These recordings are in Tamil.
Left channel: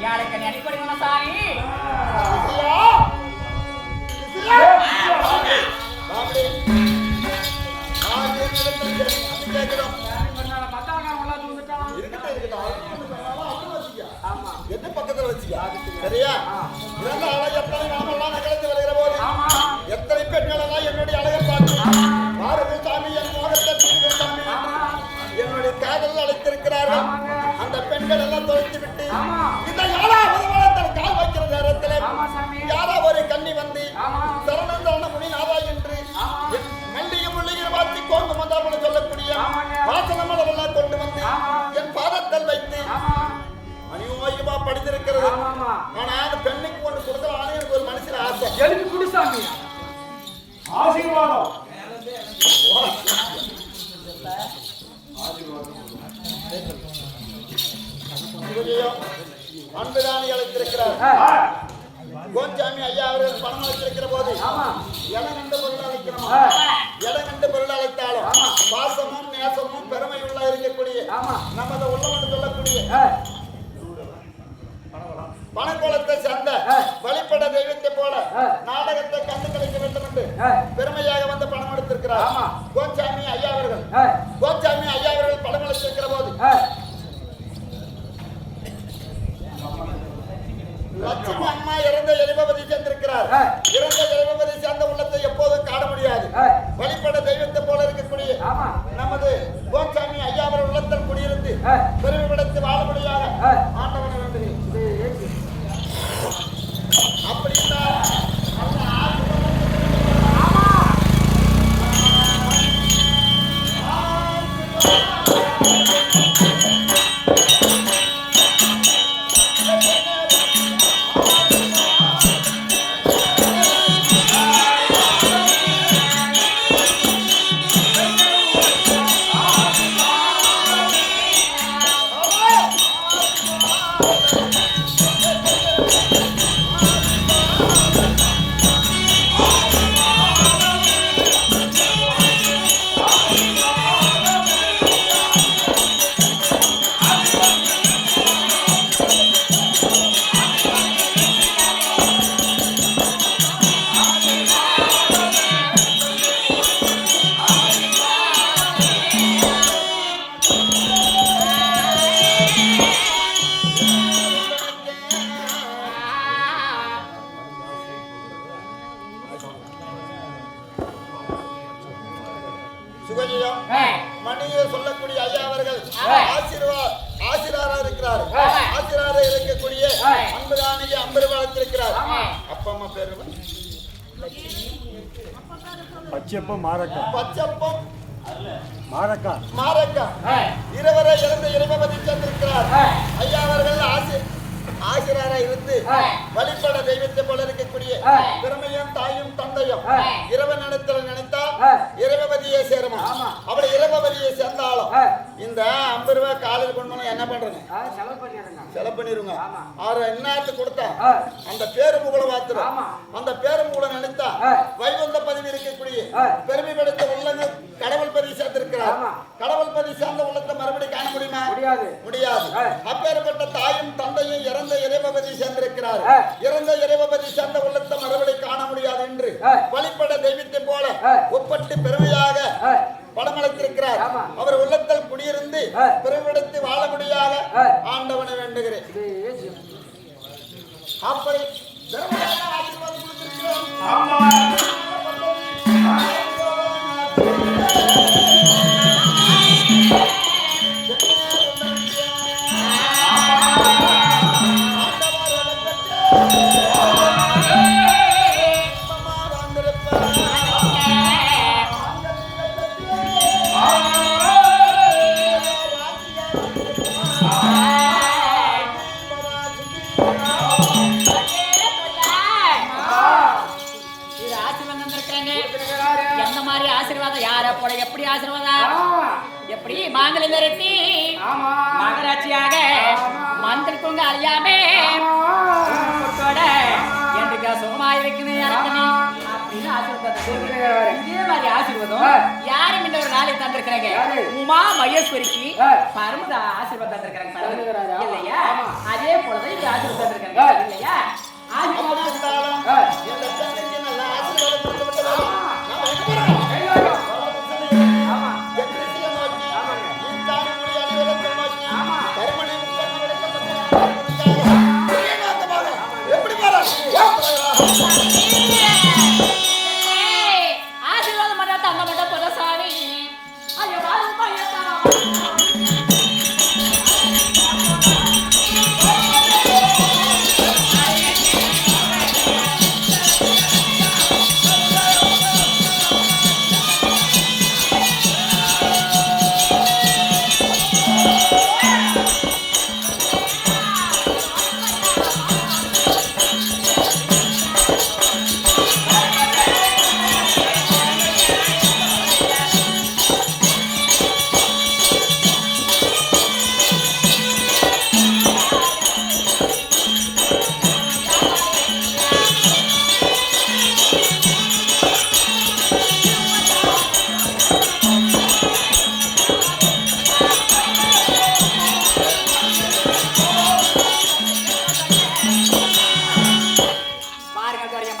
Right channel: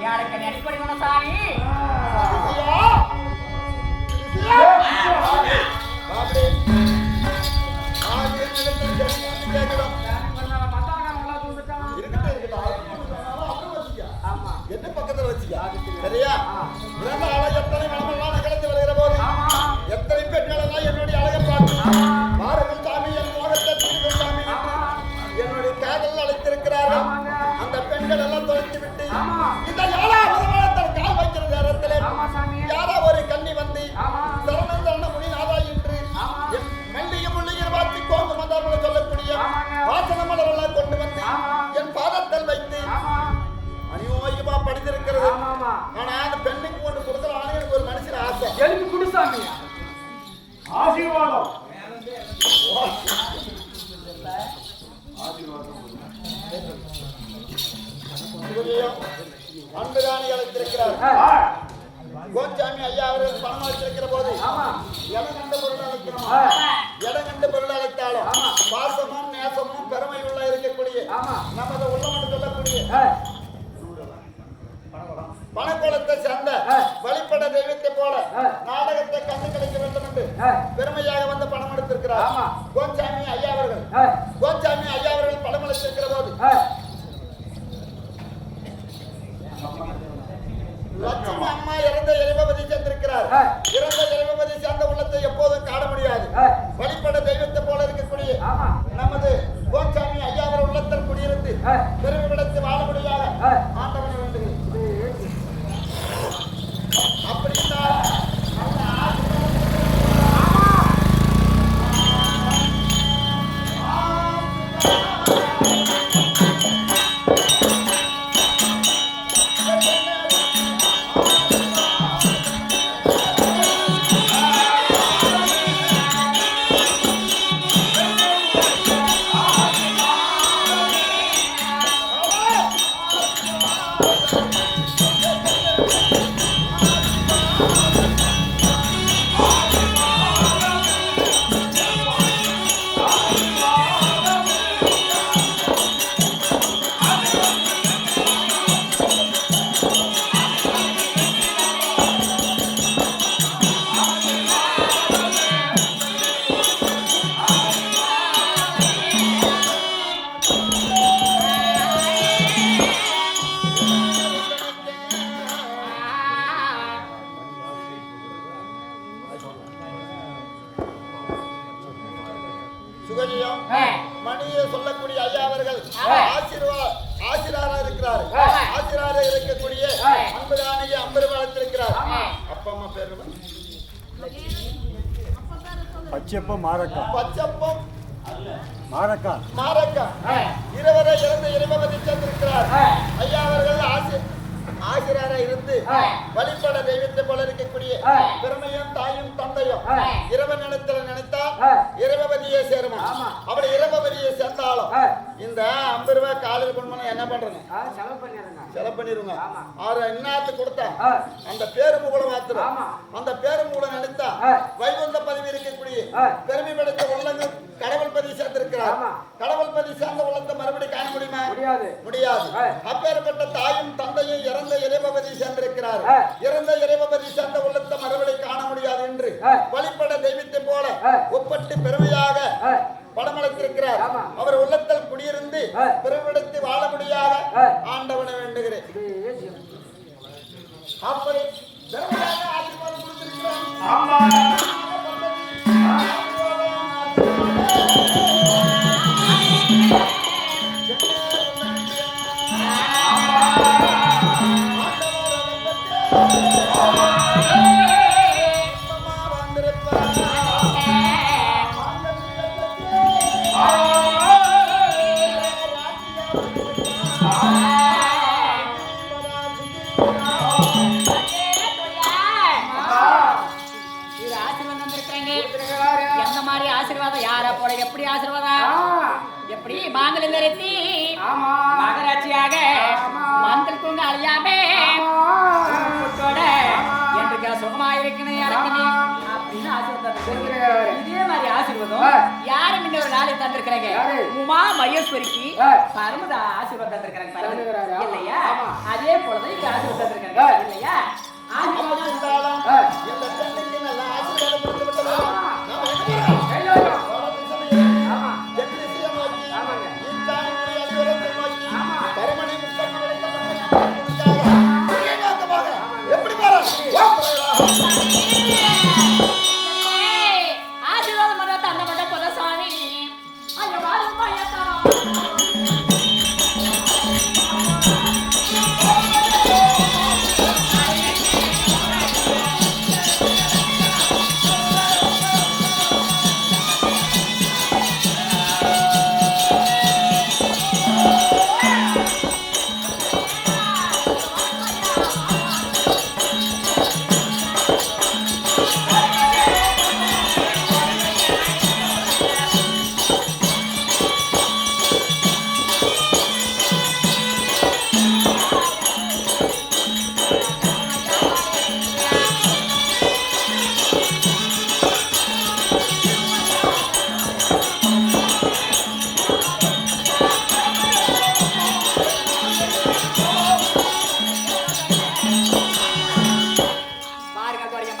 யாருக்கு அடிப்படை சாமி பக்கத்துல வச்சுக்க சரியா? இறந்த அழகு எத்தனை நாமெல்லாம் நகர்ந்து வருகிற போது எத்தனை பெண்கள் எல்லாம் என்னுடைய அழகை பார்த்து பாருங்கள் சாமி என் மோகத்தை தீர்வு சாமி என்னுடைய காதல் அழைத்திருக்கிறார்கள். அந்த பெண்கள் எல்லாம் தொலைத்து விட்டு இந்த யாராவது கால் வைக்கிற நேரத்தில் யாரா ஒரு கண்ணி வந்து சரணம் சரண முனி நாதா என்று மல்லிகை முள்ளிகை வாத்தி கோங்கு மந்தாமல் சொல்லக்கூடிய வாசன மலர் எல்லாம் கொண்டு வந்து என் பாதத்தில் வைத்து அநியோகமா படித்திருக்கிறது. ஆனா அந்த பெண்ணுக்கு ஒன்று கொடுக்கலான்னு எனக்கு ஒரு மனுஷன் ஆசை. எழுதி குடுசாமி ஆசீர்வாதம் அன்புதானி அழைத்திருக்கிறார். கோச்சாமி ஐயா அவர்கள் பணம் அழைத்திருக்கிற போது இடம் கண்டு பொருள் அழைக்கணுமா? இடம் கண்டு பொருள் அழைத்தாலும் பாசமும் நேசமும் பெருமையுள்ள இருக்கக்கூடிய நமது உள்ளம் என்று சொல்லக்கூடிய பணக்கோலத்தை சேர்ந்த வழிபட தெய்வத்தை போல நாடகத்தை கண்டு கிடைக்க வேண்டும் என்று பெருமையாக வந்து பணம் எடுத்திருக்கிறார் கோச்சாமி ஐயா அவர்கள். கோச்சாமி ஐயா அவர்கள் பணம் அளித்திருக்கிற போது லட்சுமி அம்மா இறந்த எரிபதி சேர்ந்திருக்கிறார். இறந்த எரிபதி சேர்ந்த உள்ளத்தை எப்போதும் காண முடியாது. வழிபட தெய்வத்தை போல இருக்கக்கூடிய நமது கோச்சாமி ஐயா அவர்கள் உள்ளத்தில் குடியிருந்து பெருமைப்படுத்தி வாழபடியாக ஆண்டவன் வேண்டுகிறேன். அப்படி மணியை சொல்லக்கூடிய ஐயா அவர்கள் ஆசிரியராக இருக்கிறார். ஆசிரியராக இருக்கக்கூடிய அன்புதானிக்கு அம்பர் வளர்த்திருக்கிறார். அப்பா அம்மா பேரு பச்சப்பம் மாரக்கா. பச்சப்பம் மாரக்கா. மாரக்கா இருவரை இறந்த இறைவதி சென்றிருக்கிறார். ஐயா அவர்கள் ஆசிரியராக இருந்து வழிபட தெய்வத்தை போல இருக்கக்கூடிய பெருமையும் தாயும் தந்தையும் இறைவன் இடத்துல நினைத்தால் இறைவதியை சேருமா? அப்படி இறைவதியை சேர்ந்தாலும் இந்த 50 ரூபாய் காலையில் கொண்டு என்ன பண்றேங்க? செலவு பண்ணிருங்க. இன்னாத்து கொடுத்தா அந்த பேரு புகழ மாத்திரம் அந்த பேரு புகழ நினைத்தா வைகுந்த பதிவு இருக்கக்கூடிய பெருமை படைத்த உள்ளங்கள் கடவுள் பதிவு சேர்ந்திருக்கிறார். கடவுள் பதிவு சேர்ந்த உள்ளத்தை மறுபடியும் காண முடியுமா? முடியாது. அப்பேற்பட்ட தாயும் தந்தையும் இறந்த இறைவதி சேர்ந்திருக்கிறார். இறந்த இறைவதி சேர்ந்த உள்ளத்தை மறுபடியும் காண முடியாது என்று வழிபட தெய்வத்தை போல ஒப்பட்டு பெருமையாக படமளித்திருக்கிறார். அவர் உள்ளத்தில் குடியிருந்து பெருமிடத்து வாழபடியாக ஆண்டவனை வேண்டுகிறேன். அப்படி ஆசீர்வாதம் கொடுத்திருக்கிறோம். ஆசீர்வாதம் யார போல எப்படி ஆசீர்வாதம் எப்படி மாங்கலி நிறுத்தி மகராட்சியாக மந்திரிக்குங்க அழியாமே என்று சுகமாயிருக்கணும் இறக்கணும் அப்படின்னு ஆசீர்வாதம் தந்திருக்காங்க. இதே மாதிரி ஆசீர்வாதம் யாரு முன்ன ஒரு நாளைக்கு தந்திருக்கிறாங்க? உமா மகேஸ்வரிக்கு பரமத ஆசீர்வாதம் தந்திருக்காங்க பாருங்க. இல்லையா? அதே போலதான் இப்படி ஆசீர்வாதம் தந்திருக்காங்க. இல்லையா? அப்படி இருந்தாலும் இந்த பெண்ணுக்கு நல்ல ஆசீர்வாதம் கொடுத்து விட்டதால் நாம எங்க போறோம்? பரமனை முக்கண்ண விளக்க எப்படி பாரு ஆசீர்வாதம் பண்ண தந்த மட்டும் போல சாமி. ஐயோ வாரும் பையத்தாரா.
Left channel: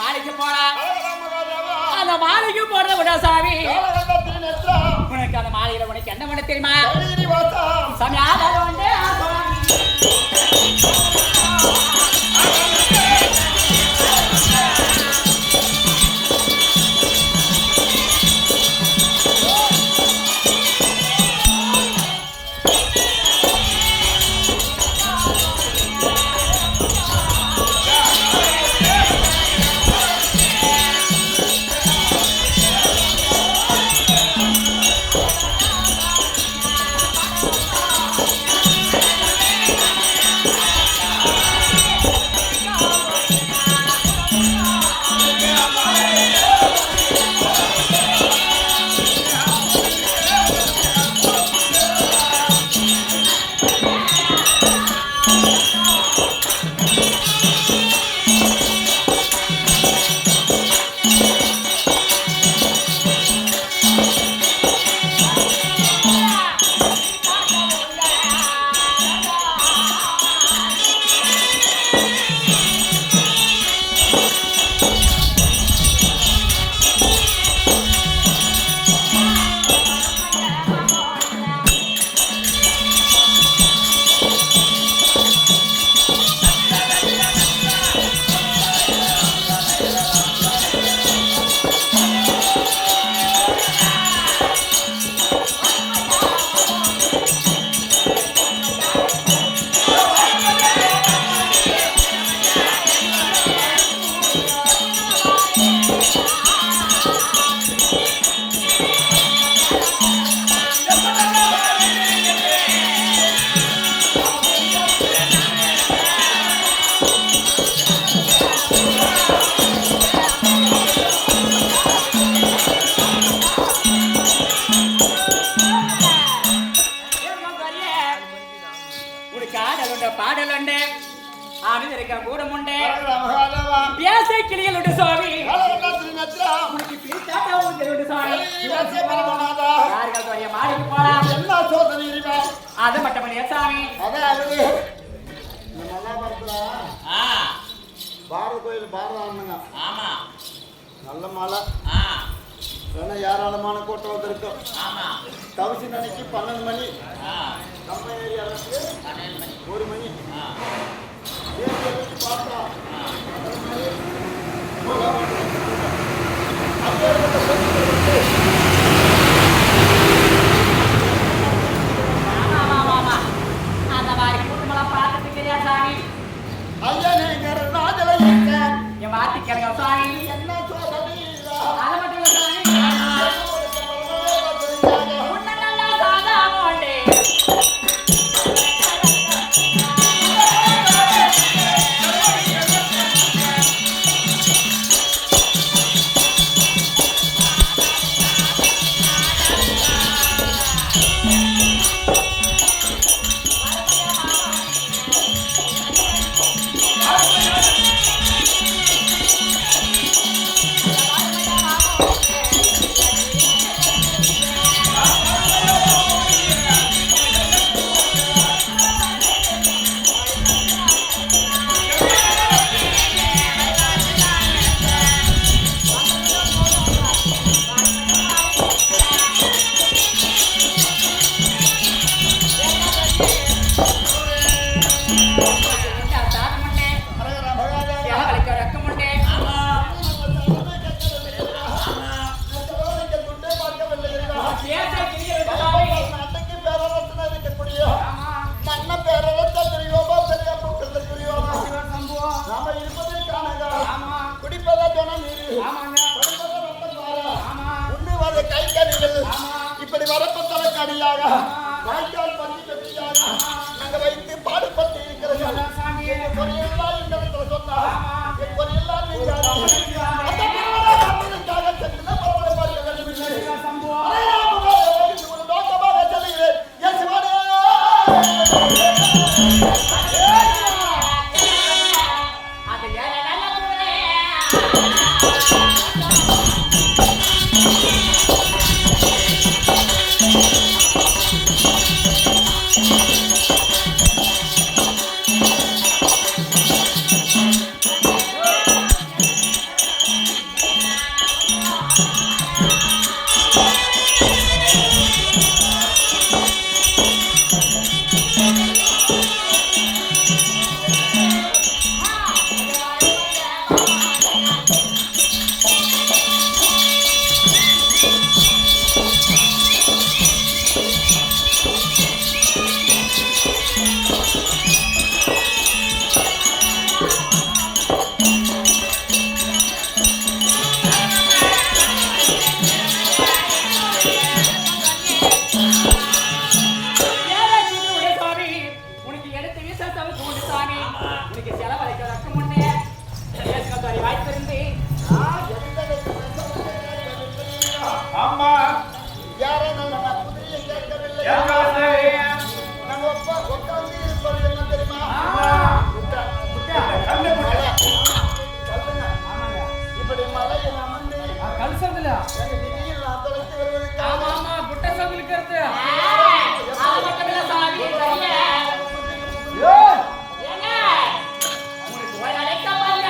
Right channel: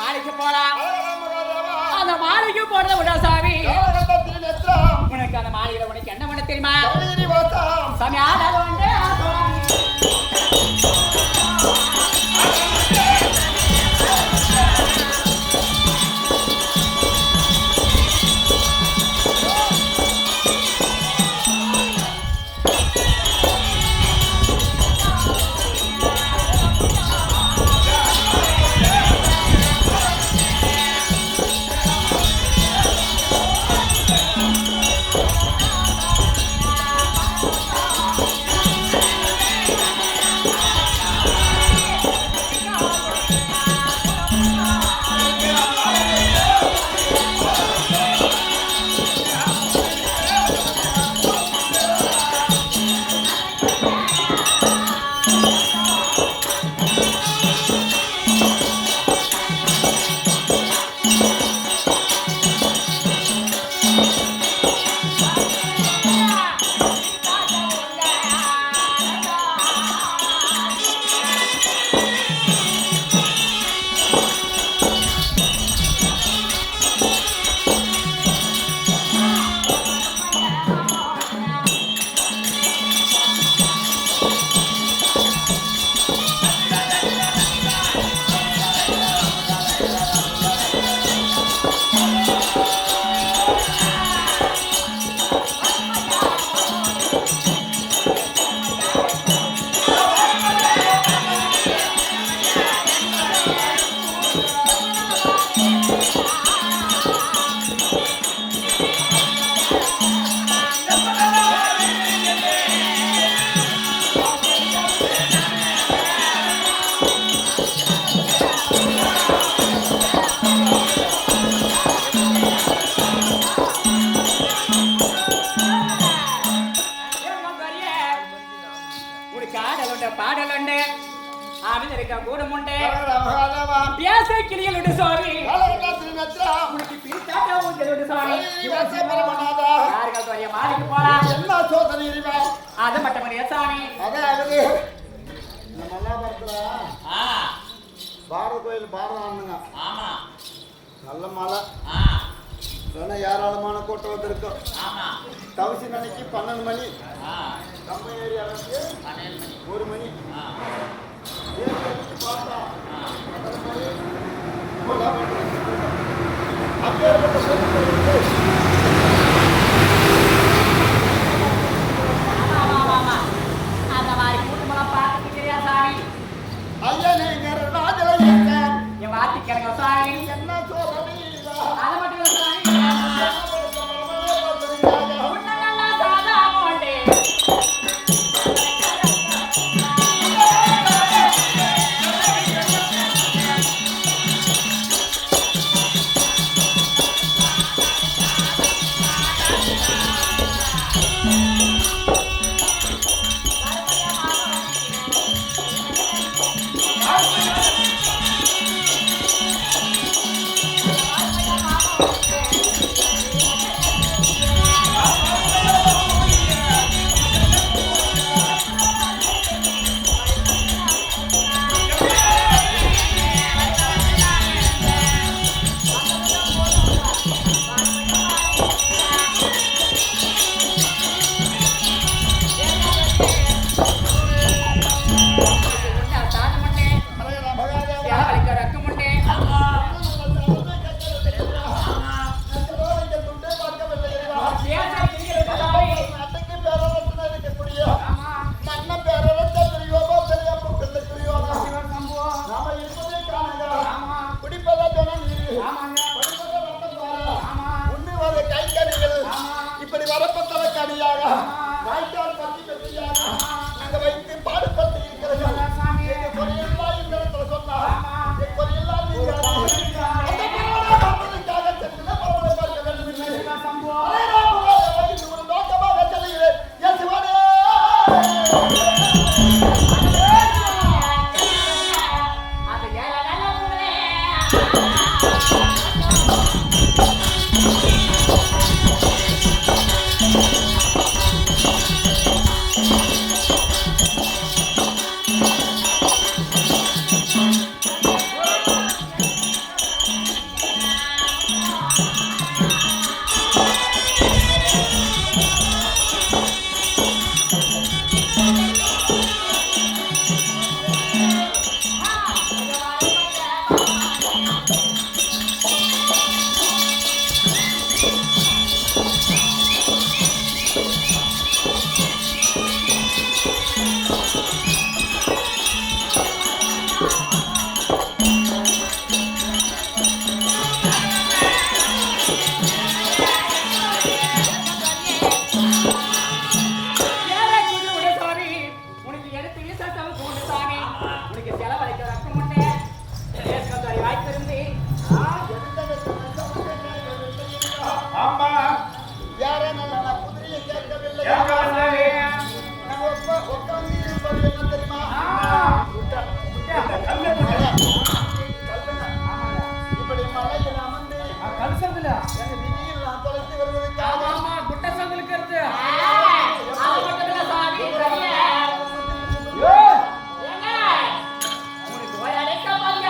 மாலைக்கு போலாம். அந்த மாலைக்கு போறது விட சாமி. உனக்கு அந்த மாலையில உனக்கு என்ன பண்ண தெரியுமா? சாமி ஆடாத வந்து பாடலுண்டு ஆவிதரிக்க கூடமுண்டு பேச கிளியலுண்டு சுவாமி உனக்கு பிரித்தாட்ட ஊஞ்சலுண்டு சுவாமி யாருக்காவது வரைய மாடிக்கு போலாம் என்ன சோதனை அது மட்டும் இல்லையா சாமி அதாவது இந்த மல்லாபுரத்துல பாரத கோயில் பாரதானுங்க நல்ல மழை ஏராளமான கூட்டம் வந்திருக்கும் தவசி நினைக்கு 12 மணி நம்ம ஏரியாவுக்கு 1 மணி வச்சு பார்த்தா 12 மணி அப்பேற்பட்ட கூட்டத்தில் வந்து அந்த மாதிரி கூட்டமெல்லாம் பார்த்துட்டு தெரியாது சாமி ஐயனேங்கர் ராஜலை இருக்கேன் என் வார்த்தை கேளுங்க சாமி என்ன சோதனை அது மட்டும் இல்லை சாமி உன்னல்லா சாதா மோண்டே நாம இருப்பதே காணங்க ஆமா குடிப்பதே தினம் நீர் ஆமாங்க படுப்பதே ரத்தம் பாரு ஆமா உண்ணுவது கை கறிகள் ஆமா இப்படி வரப்பட்டல கடியாக ஆமா வாய்க்கால் பஞ்சு கட்டியாக நாங்க வைத்து பாடுபட்டு இருக்கிறோம் சாமி கொரியெல்லாம் இந்த இடத்துல சொன்னா ஆமா கொரியெல்லாம் நீங்க அந்த பரவலை காப்பதற்காக சென்று பரவலை பார்க்க வேண்டும் என்று சம்போ ஒரு நோக்கமாக செல்கிறேன் என் சிவனே அது ஏறடா உனக்கு செலவழிக்க ரக்கம் உண்டு தேசகந்தாரி வாய்ப்பிருந்து ஆமா யாரோ நல்ல குதிரையை கேட்கவில்லை நம்ம உட்கார்ந்து இருப்பது என்ன தெரியுமா இப்படி மலையில் அமர்ந்து கல்சதுல எங்க நிதியில் நான் தொலைத்து வருவதற்கு ஆமா ஆமா குட்ட சங்குலுக்கு இருக்கு அது மட்டும் இல்ல சாமி ஏங்க உனக்கு ஒரு அழைக்க பாருங்க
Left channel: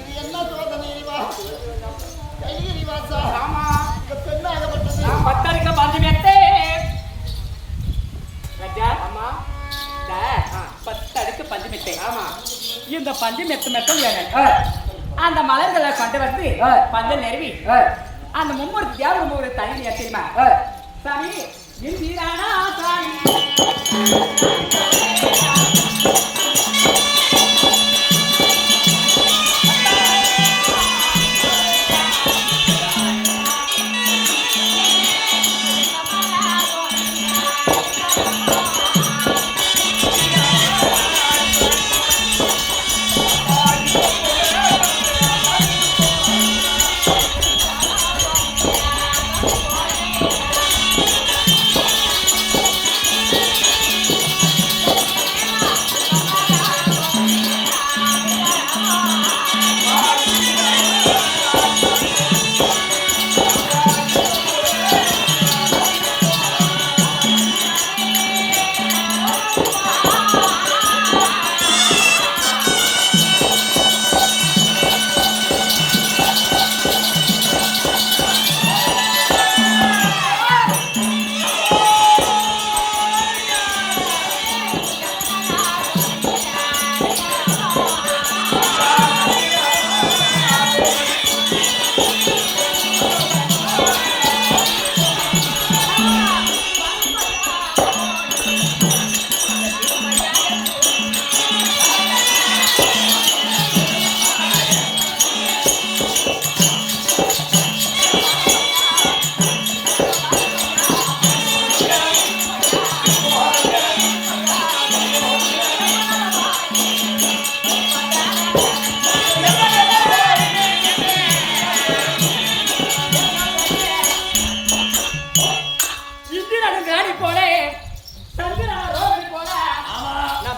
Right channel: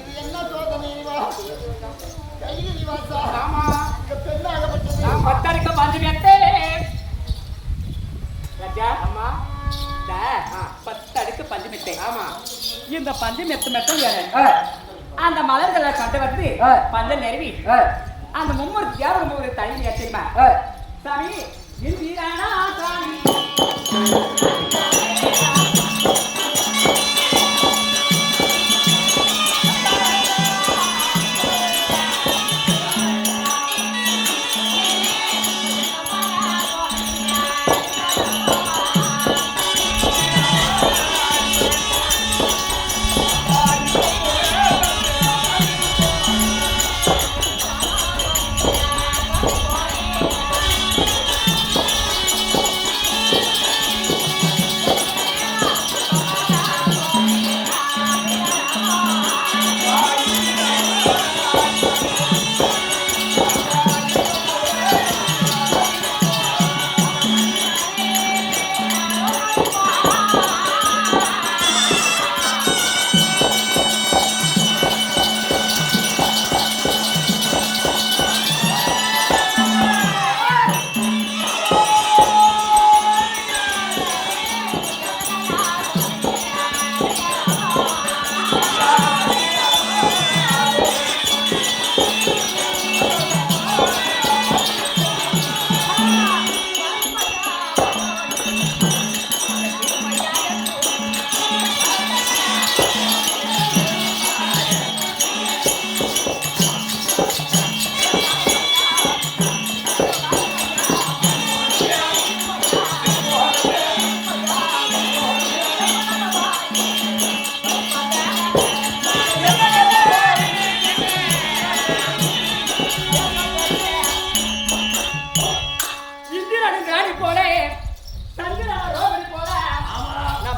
இது என்ன சோதனை கையில் நிவாசா ஆமா பெண்ணாகப்பட்டது பத்தடுக்க பஞ்சமியத்தே ராஜா ஆமா பத்தடுக்கு பஞ்சமித்தை ஆமா இந்த பஞ்சமெத்து மெத்தம் அந்த மலர்களை கொண்டு வந்து பஞ்சம் நெருவி அந்த மும்மூர்த்தி தியாகம் ஒரு தனி தெரியுமா சாமி இந்திரானா சாமி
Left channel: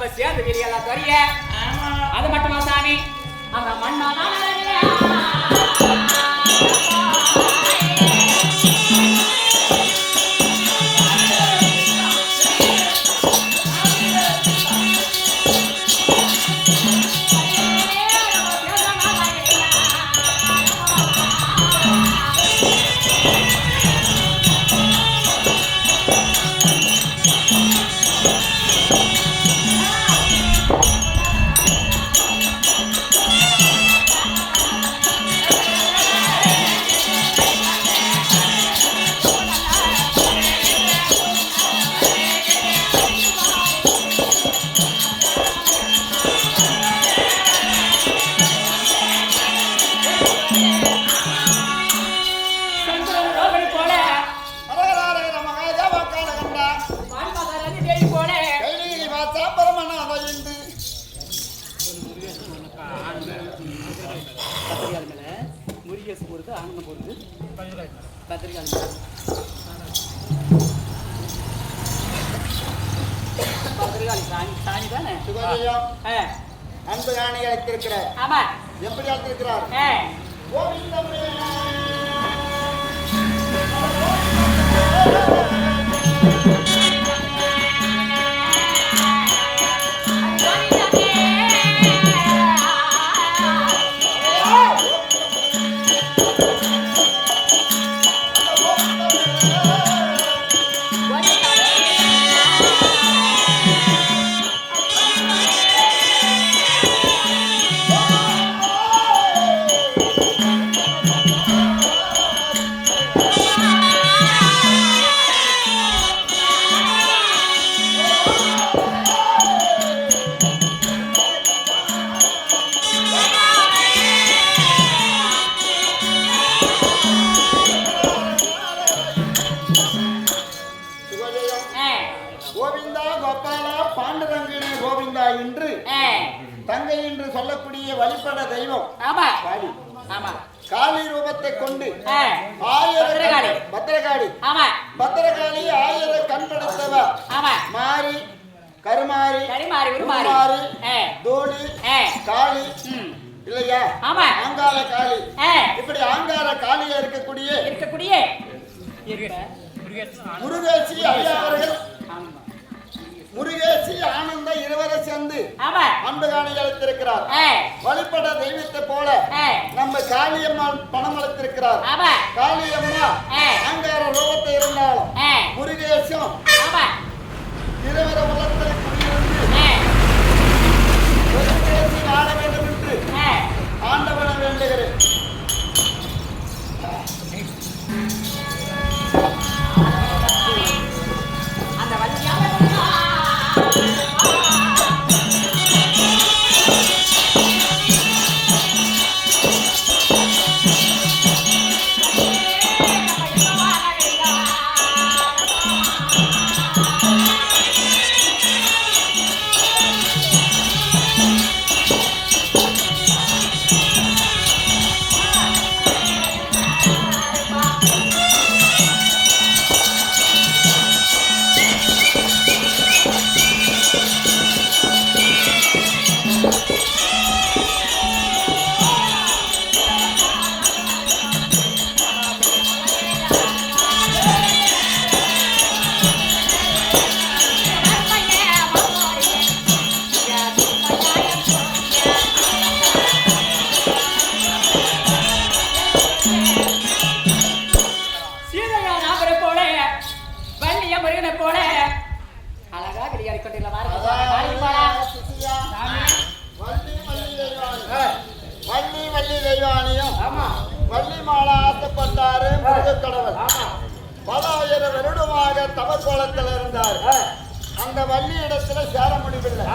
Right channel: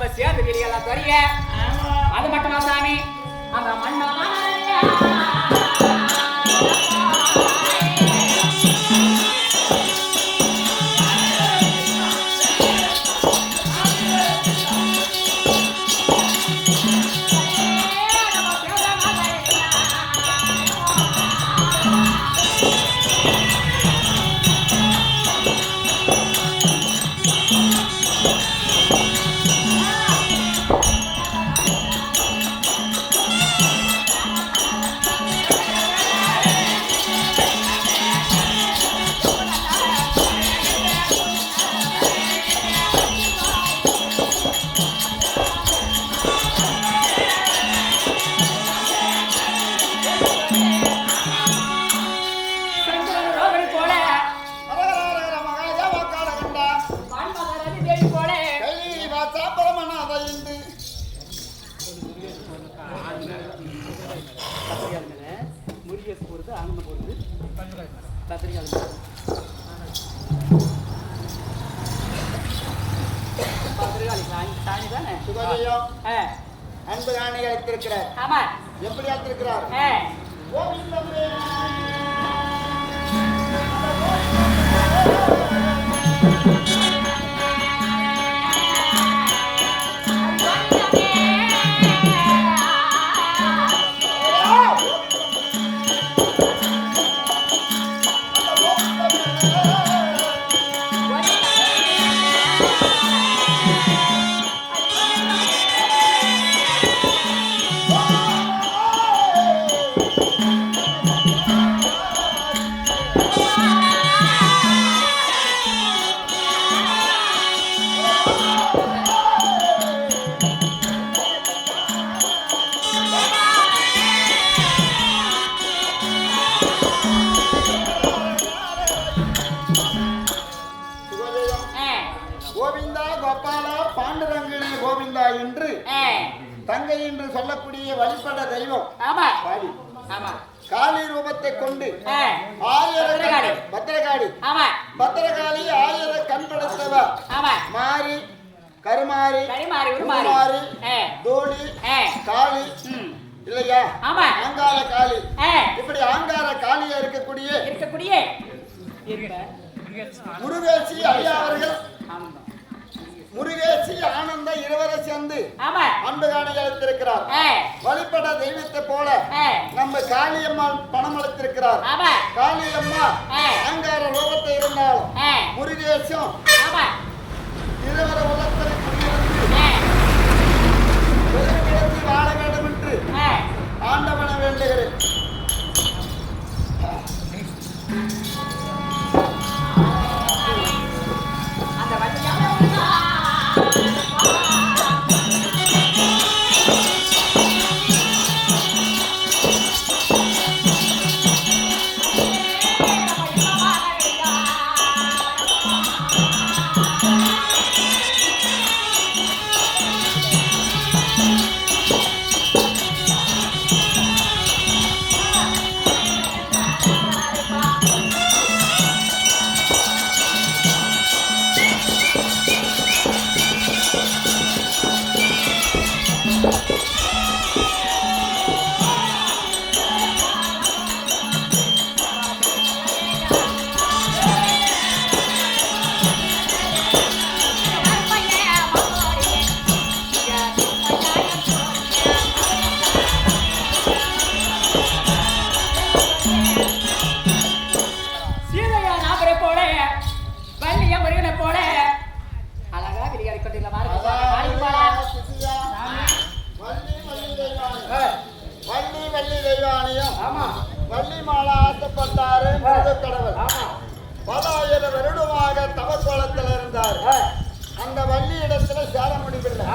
நம்ம சேர்ந்து வெளியெல்லாம் தெரிய அது மட்டுமா சாமி அந்த மண்ணாதான் அன்பு காணி அழைத்திருக்கிறார். ஆமா, எப்படி அழைத்திருக்கிறார்? கோவிந்தமே கோவிந்தா கோபாலா பாண்டுரங்கனே கோவிந்தா என்று தங்கை என்று சொல்லக்கூடிய வழிபட தெய்வம் காளி. காளி ரூபத்தை கொண்டு பத்திரகாளி ஆயிரம் கண் படைத்தவ மாறி கருமாறி உருமாறி தோணி காளி இல்லையா? ஆங்கார காளி. இப்படி ஆங்கார காளியா இருக்கக்கூடிய முருகேசி ஐயா அவர்கள் முருகேசி ஆனந்த இருவரை சேர்ந்து அன்பு காணி அழைத்திருக்கிறார். வழிபட தெய்வத்தை போல நம்ம காளியம்மாள் பணம் அழைத்திருக்கிறார். காளியம்மா அங்கார ரூபத்தை இருந்தாலும் முருகேசும் இருவர உள்ளத்தில் குடியிருந்து பெருமேசி வாழ வேண்டும் என்று ஆண்டவனை வேண்டுகிறேன். அந்த வழியாக போல அழகா கிளியாடி கொண்டிருக்கலாம். வள்ளி தெய்வானியும் வள்ளி மாலா ஆசைப்பட்டாரு கடவுள். பல ஆயிரம் வருடமாக தவக்கோலத்தில் இருந்தார். அந்த வள்ளி இடத்துல சேர முடியவில்லை.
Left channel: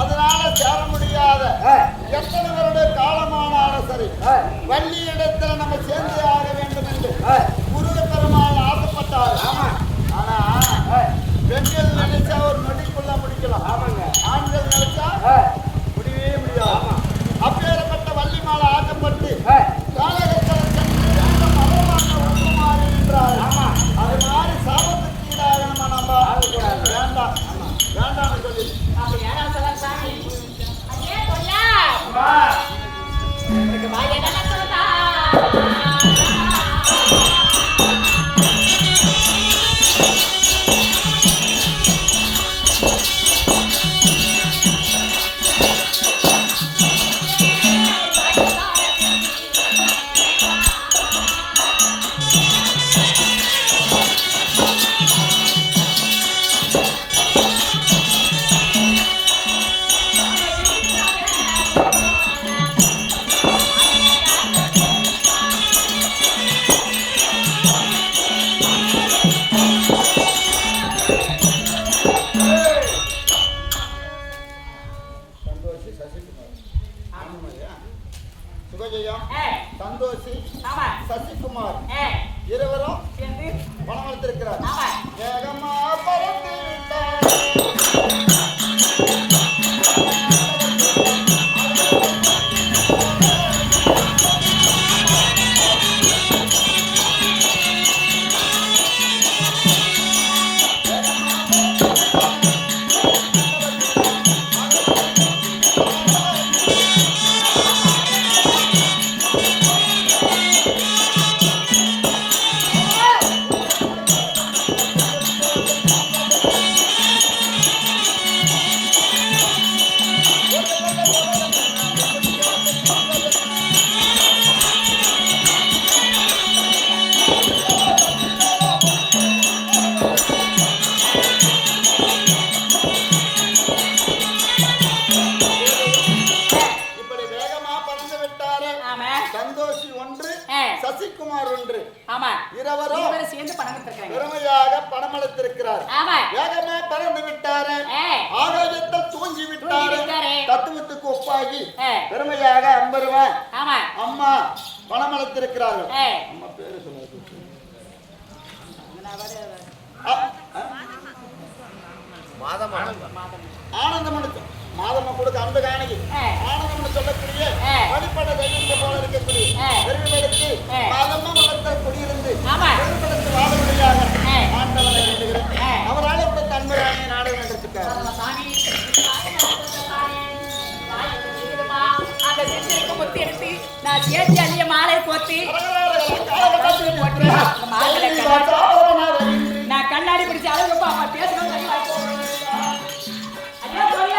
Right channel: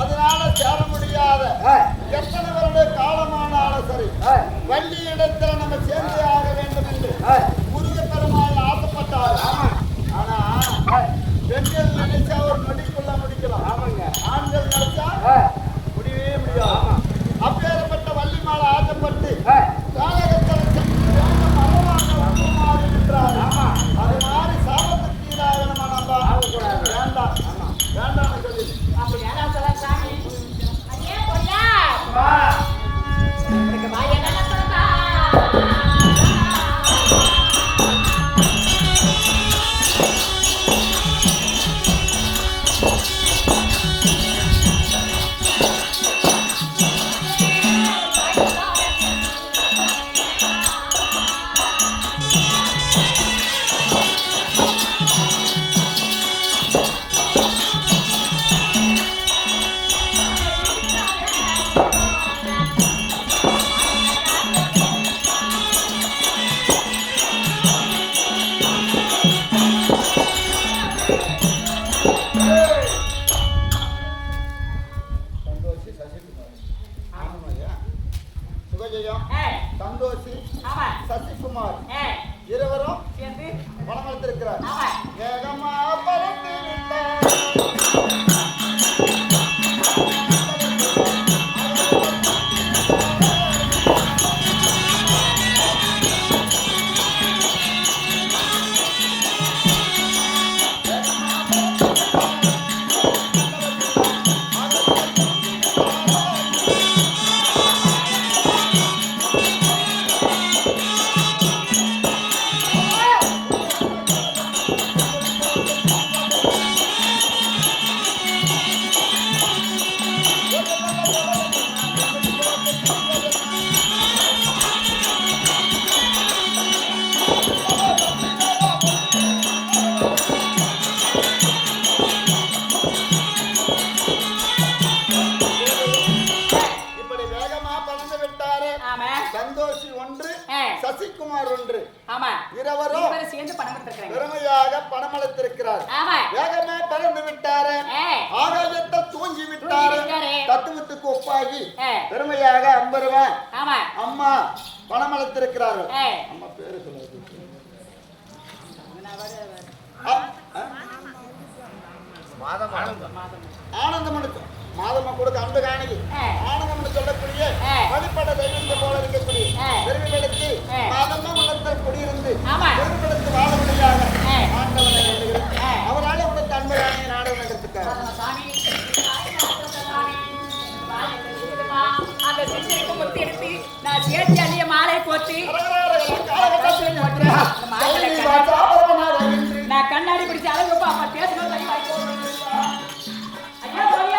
அதனால சேர முடியாத எத்தனை வருட காலமானாலும் சரி வள்ளி இடத்துல நம்ம சேர்ந்து ஆக வேண்டும் என்று முருகப்பெருமாள் ஆசைப்பட்டார். ஆனா பெண்கள் நினைச்சா ஒரு நொடிக்குள்ள முடிக்கலாம். ஆண்கள் நினைச்சா முடியவே முடியாது. அப்பேற்பட்ட வள்ளி மாலை ஆக்கப்பட்டு காலகட்டத்தில் சென்று வேண்ட மரமாக உருமாறி நின்றார். அது மாதிரி சாபத்துக்கு ஈடாக நம்ம ஆகக்கூடாது. வேண்டாம் வேண்டாம்னு சொல்லி அப்படி யாராவது எனக்கு வாய நல்லா சொல்லுதா சந்தோஷி சசிகுமார் ஆமாய்யா சுகஜயம் ஏய் சந்தோஷி ஆமா சசிகுமார் ஏய் இருவரும் சேர்ந்து பணம் அளித்திருக்கிறார் ஆமா வேகமா பறந்து விட்டார் இப்படி வேகமா பறந்து விட்டாரு ஆமா சந்தோஷி ஒன்று ஏய் சசிகுமார் ஒன்று ஆமா இருவரும் இவரை சேர்ந்து பணம் கொடுத்திருக்காங்க பெருமையாக பணம் அளித்திருக்கிறார் ஆமா வேகமா பறந்து விட்டாரு ஏய் ஆகாயத்தில் தூங்கி விட்டாரு விட்டாரு. தத்துவத்துக்கு ஒப்பாகி ஏய் பெருமையாக 50 ரூபாய் ஆமா அம்மா பணம் அளித்திருக்கிறார்கள் ஏய் அம்மா பேரு சொல்லாது நான் வர மாதம் ஆனந்தமனு மாதம்மா கொடுக்க அந்த காணிக்கு ஏய். ஆனந்தம்னு சொல்லக்கூடிய ஏய். வழிபட தெய்வத்தை போல இருக்கக்கூடிய ஏய். பெருமைகளுக்கு ஏய். மாதம்மா உள்ளத்தில் குடியிருந்து ஆமா. பெருமைகளுக்கு வாழபடியாக ஏய். ஆண்டவனை எண்ணுகிறேன் ஏய். அவரால் உனக்கு அன்பு ராணியை நாடகம் என்றிருக்காரு சாமி அந்த சிந்தைக்கு முத்தி எடுத்து நான் சேர்த்து அள்ளிய மாலை கோத்து நான் கண்ணாடி பிடிச்ச அழகு அம்மா பேசணும் ஐயா சொல்ல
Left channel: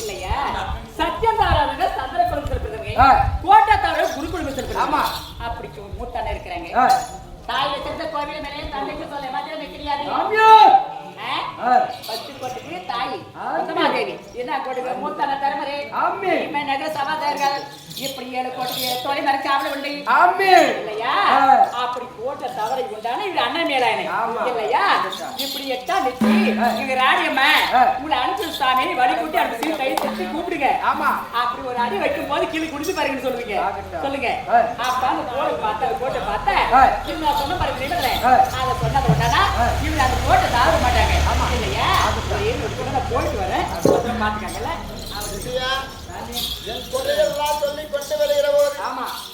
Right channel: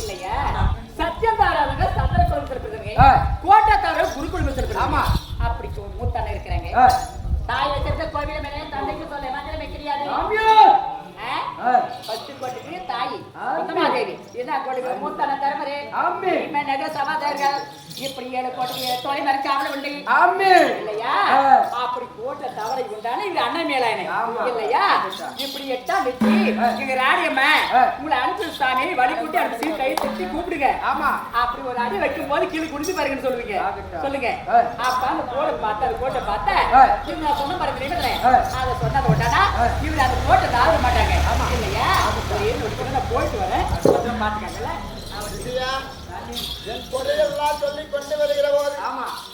இல்லையா சத்தியம் தவறாதவங்க சந்திர குலம் செலுத்துறதுங்க கோட்டை தவிர குருகுலம் செலுத்துறாங்க அப்படி மூத்தான இருக்கிறாங்க தாயை செஞ்ச கோவில மேலே தந்தைக்கு சொல்ல மாதிரி கிடையாது பத்து கோட்டுக்கு தாய் உத்தமாதேவி என்ன கோட்டுக்கு மூத்தான தரமரே நக சமாதார்கள் இப்படி 7 கோட்டைக்கு தொலை மறைக்காமல் உண்டு இல்லையா அப்படி போட்ட தவறை கொண்டான இது அண்ணன் மேலானே இல்லையா இப்படி எட்டா நிச்சு எங்க ராணியம்மா உங்களை அனுப்பி சாமி வழி கூட்டி அந்த சீ கை தட்டி கூப்பிடுங்க அப்படி ஒரு அடி வைக்கும் போது கீழே குடிச்சு பாருங்கன்னு சொல்லுவீங்க சொல்லுங்க அப்ப அந்த கோட்டை பார்த்தா அந்த கோட்டை பார்த்தா இவங்க நான் சொன்ன பாருங்க நிமிடத்துல அதை சொன்னதை கொண்டாடா இவங்க அந்த கோட்டை தாழ மாட்டாங்க இல்லையா நான் போயிட்டு வரேன் பாத்துக்காங்கல்ல என் குறையெல்லாம் சொல்லி கொண்டு வருகிற போது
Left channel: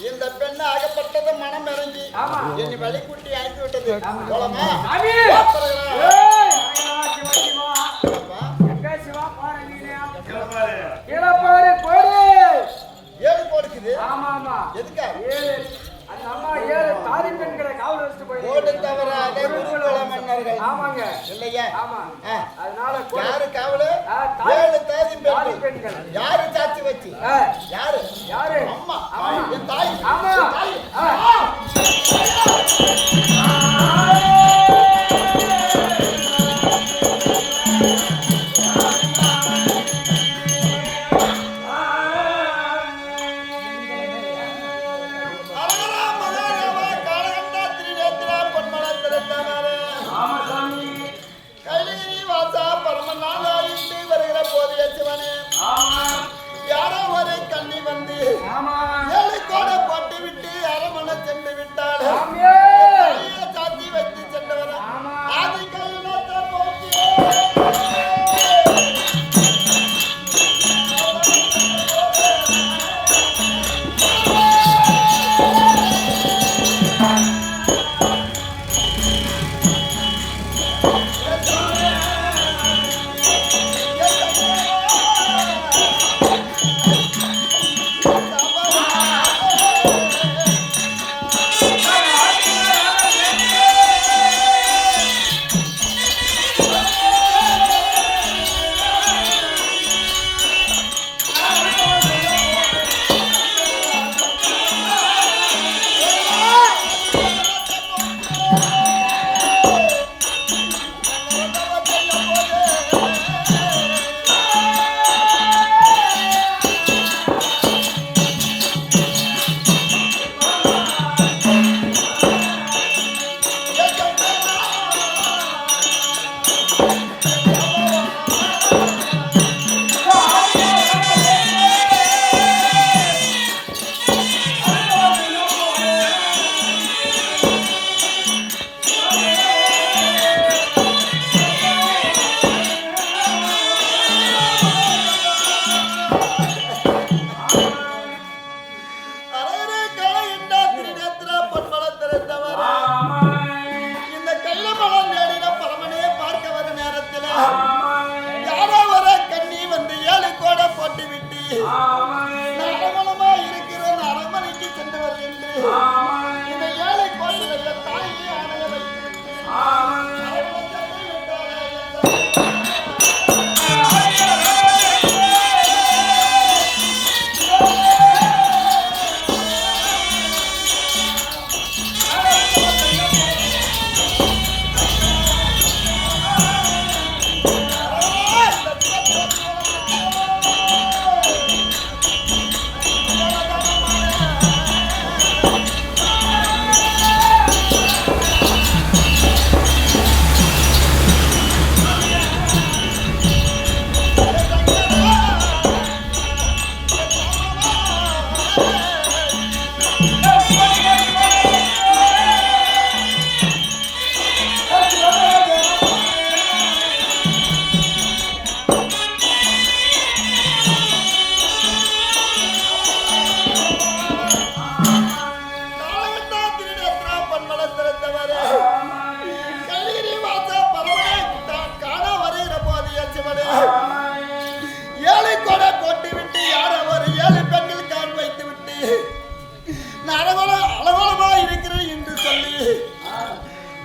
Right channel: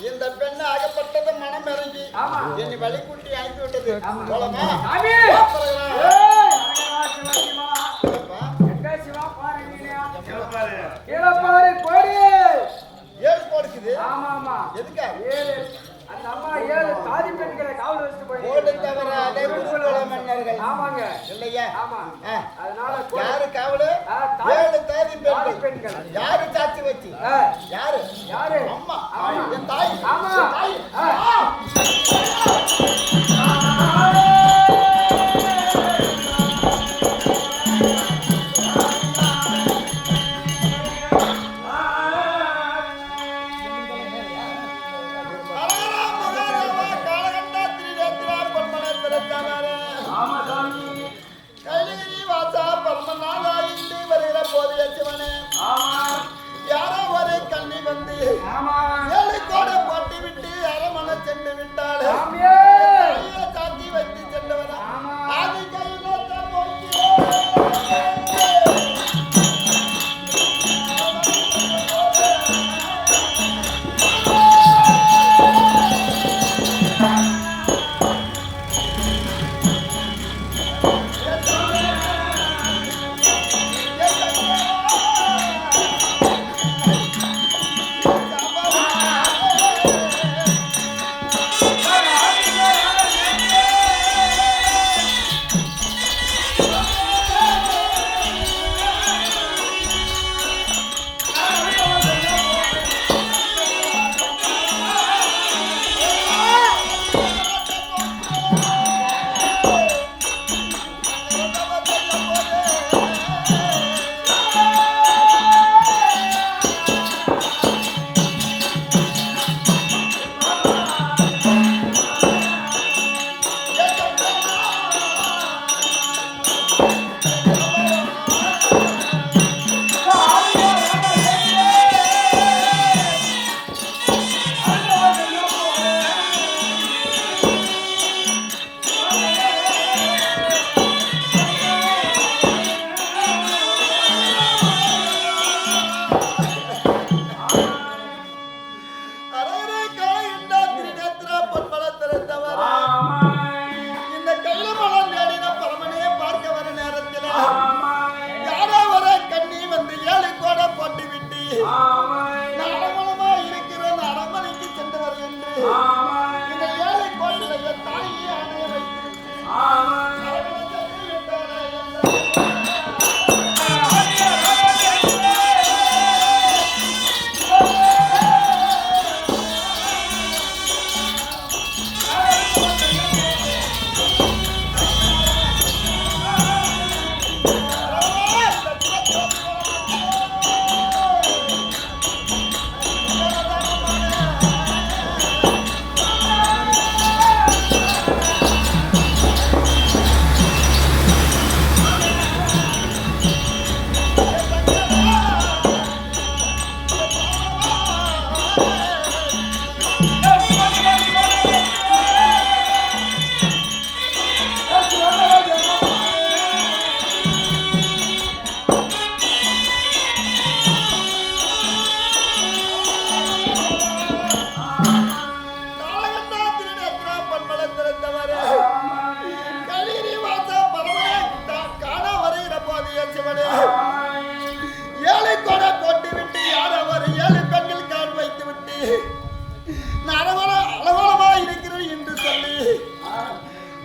இந்த பெண்ணு அகப்பட்டது மனம் இறங்கி என்னை வழிகூட்டி அனுப்பி விட்டது ஏழு கொடுக்குது அந்த அம்மா 7 தாதி பெண்களை காவல் வச்சுட்டு போயிட்டு தவிர அதே குருகுல மன்னர்கள் இல்லையா அதனால யாரு காவலு 7 தாதி பெண்கள் யாரு சாட்சி வச்சு யாரு அம்மா என் தாய் வருகிற போது சிவனே யாரோ ஒரு கண்ணி வந்து 7 கோடை போட்டு விட்டு அரமனை சென்று விட்டாள் சாத்தி வைத்து சென்றவர் ஆதி கையிலத்தை நோக்கி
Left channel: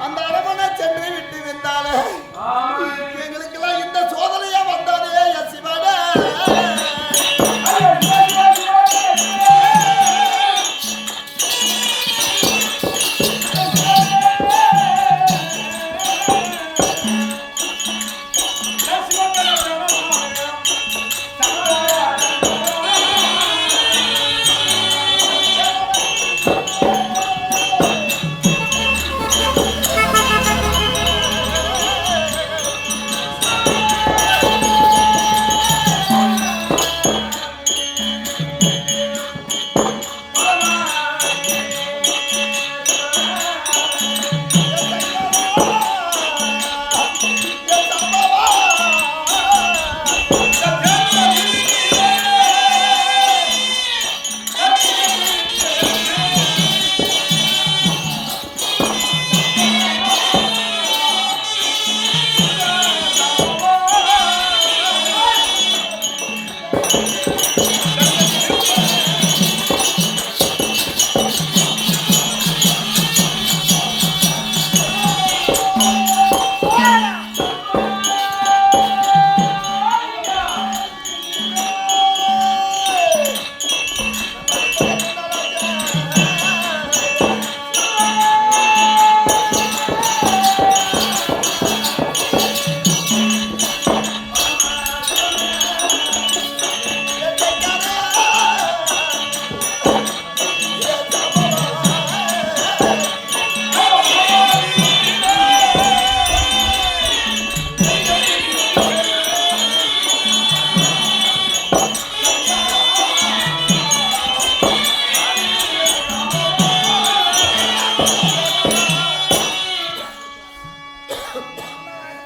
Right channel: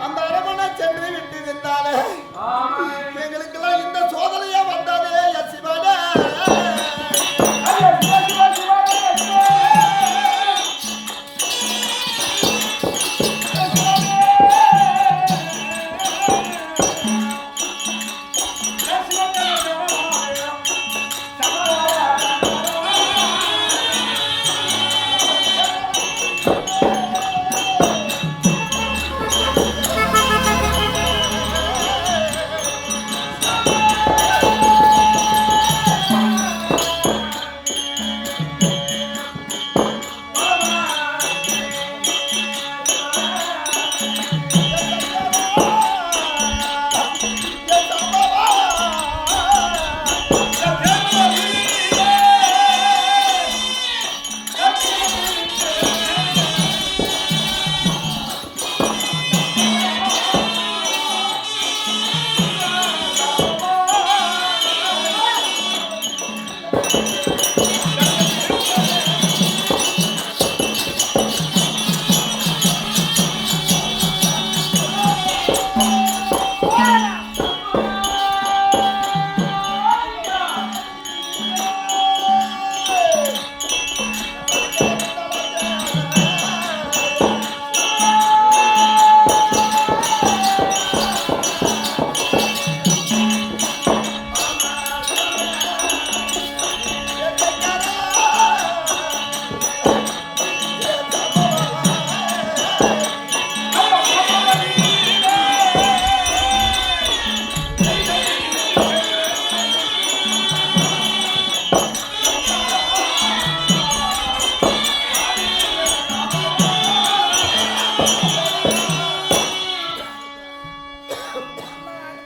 அந்த அரமனை சென்று விட்டு விட்டாலே எங்களுக்கெல்லாம் இந்த சோதனையா வந்தாலே சிவனே.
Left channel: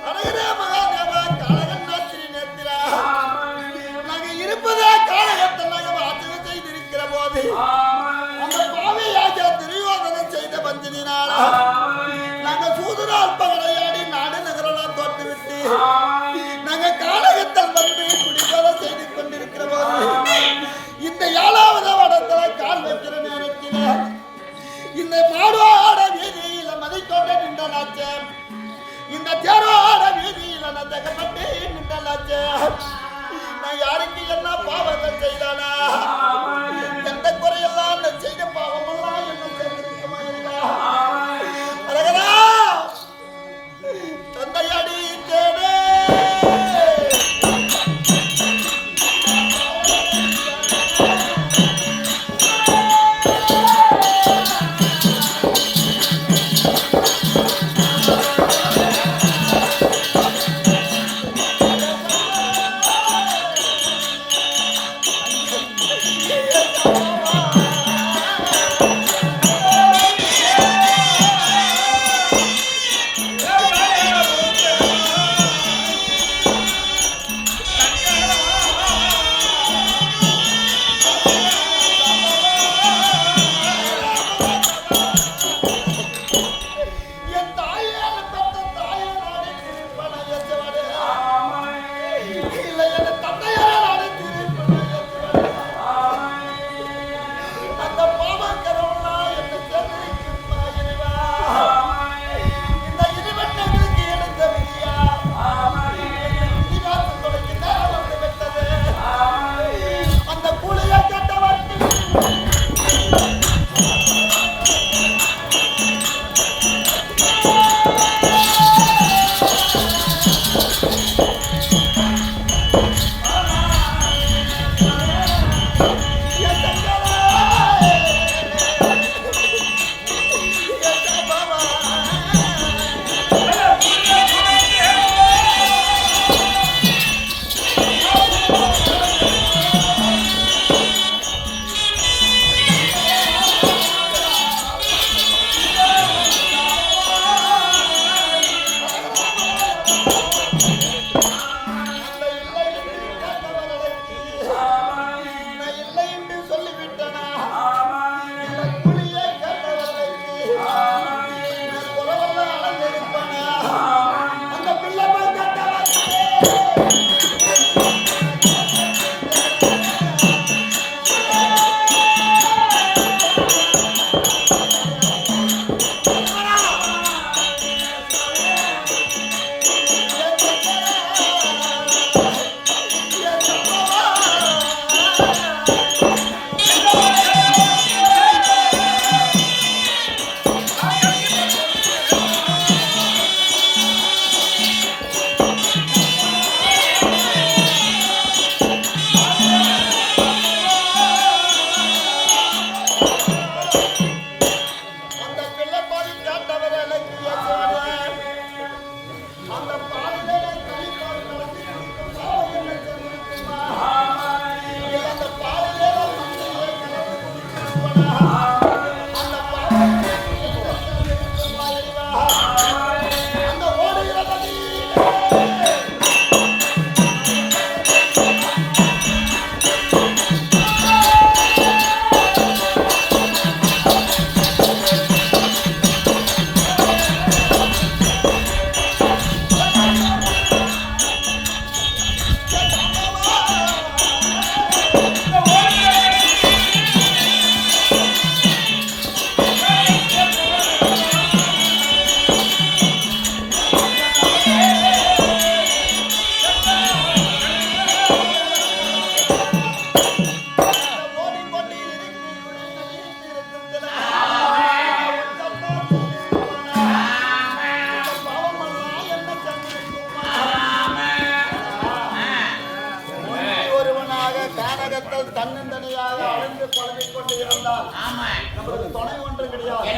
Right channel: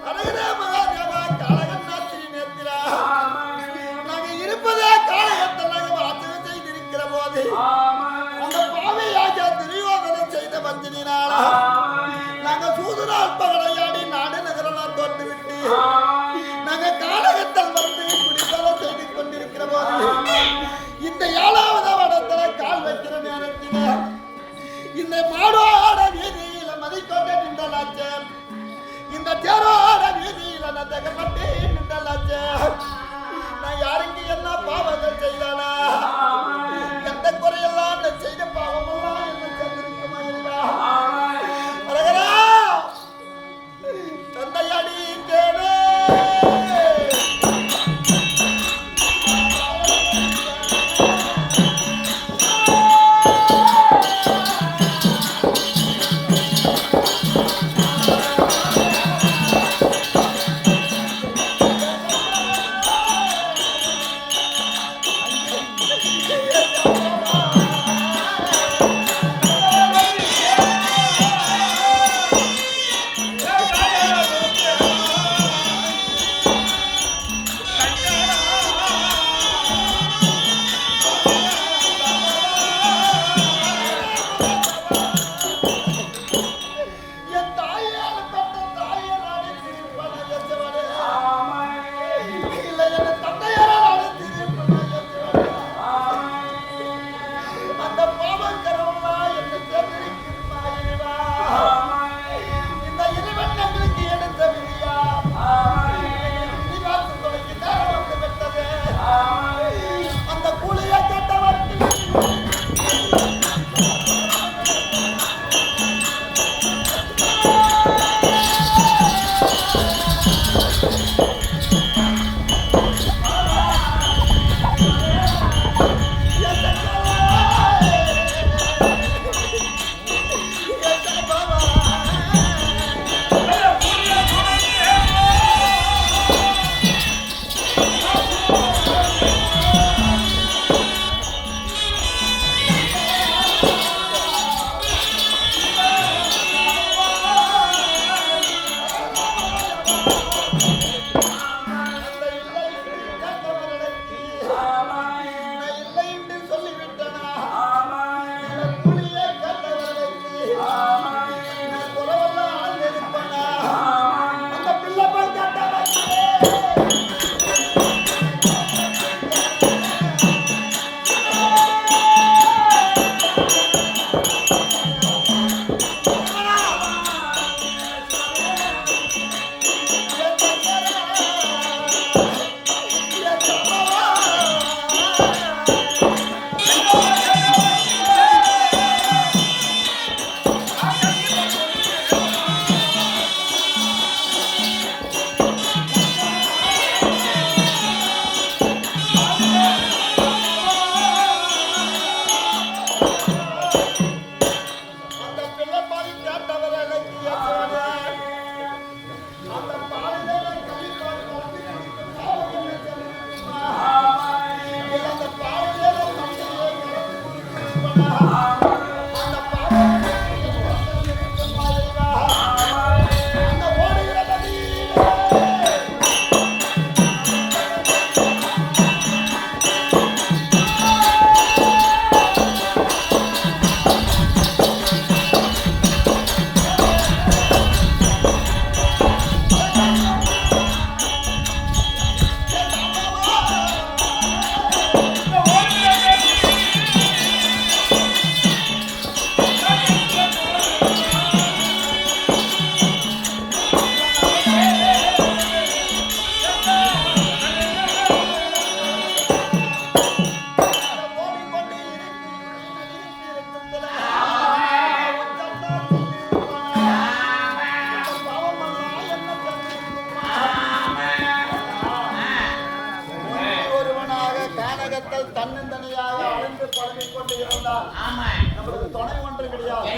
அழகரே மகாதேவா காளகன்னாத்திரி நேத்திரா நாங்க இருப்பதே காளகத்தை நாங்க வாசகம் செய்திருக்கிற போது அந்த பாவையாக துரியோதனம் செய்த பஞ்சனினால நாங்க சூதுரால் பகடையாடி நாடு நகரெல்லாம் தோட்டு விட்டு நாங்க காளகத்தில் வந்து குடிப்பதை செய்து கொண்டிருக்கிற போது இந்த 7வது வடத்துல கால் வைக்கிற நேரத்தில் இந்த மாடோட வீதியில மதிக்கொண்ட நின்றலாச்சே இந்த தேரோட வீதியில நதகப்பட்டு நின்றலாச்சே நான் யாருக்கு என்ன பாவங்கள் செய்தானா எந்த குறையெல்லாம் நான் செய்த பாவமெல்லாம் என்ன சேர்ந்திருக்குமா இல்லையா அழகரா தந்தையடி தேனே சொல்லிவிட்ட தனித்தனியாக அழைந்து பழகிக் கொண்டு இருந்தால் நம்மளுக்கு துணை ஒன்று கிடையாது.